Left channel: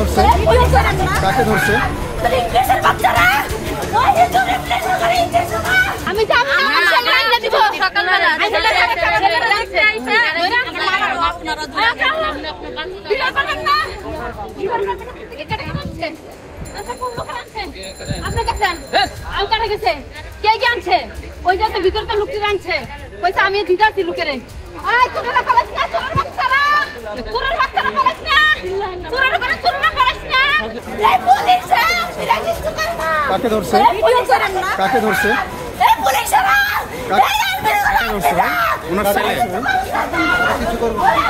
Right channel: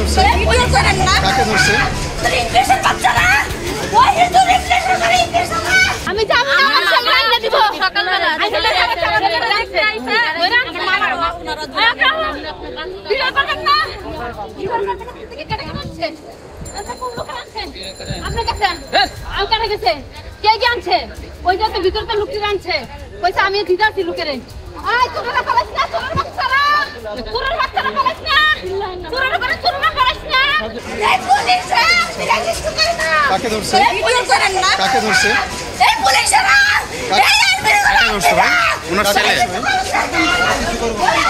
ধরছে? কাকে ধরছে? আমি যাবো না, আমার সঙ্গে আইনা দিব সকালবেলা। আপনি গেছেন? আমি কারা গেছে? কে কে আনছে? ওই যে ভিতর তো লুকিয়ে আনছে। পয়সা আমি দিতে আসছি লুকেরে। আয় তোরা পালাস না, তোরা বাচ্চারা। তোরা বাচ্চারা পালাস না। তোরা পালাস না। এই পুলিশরা বিরা কিছু করে না। কাকে ধরছে? এই পুলিশ করেন না। কাকে ধরছে? এই পুলিশরা। এই কাকে ধরছে ভাই? ওনার ছেলে। কিছু করবো না।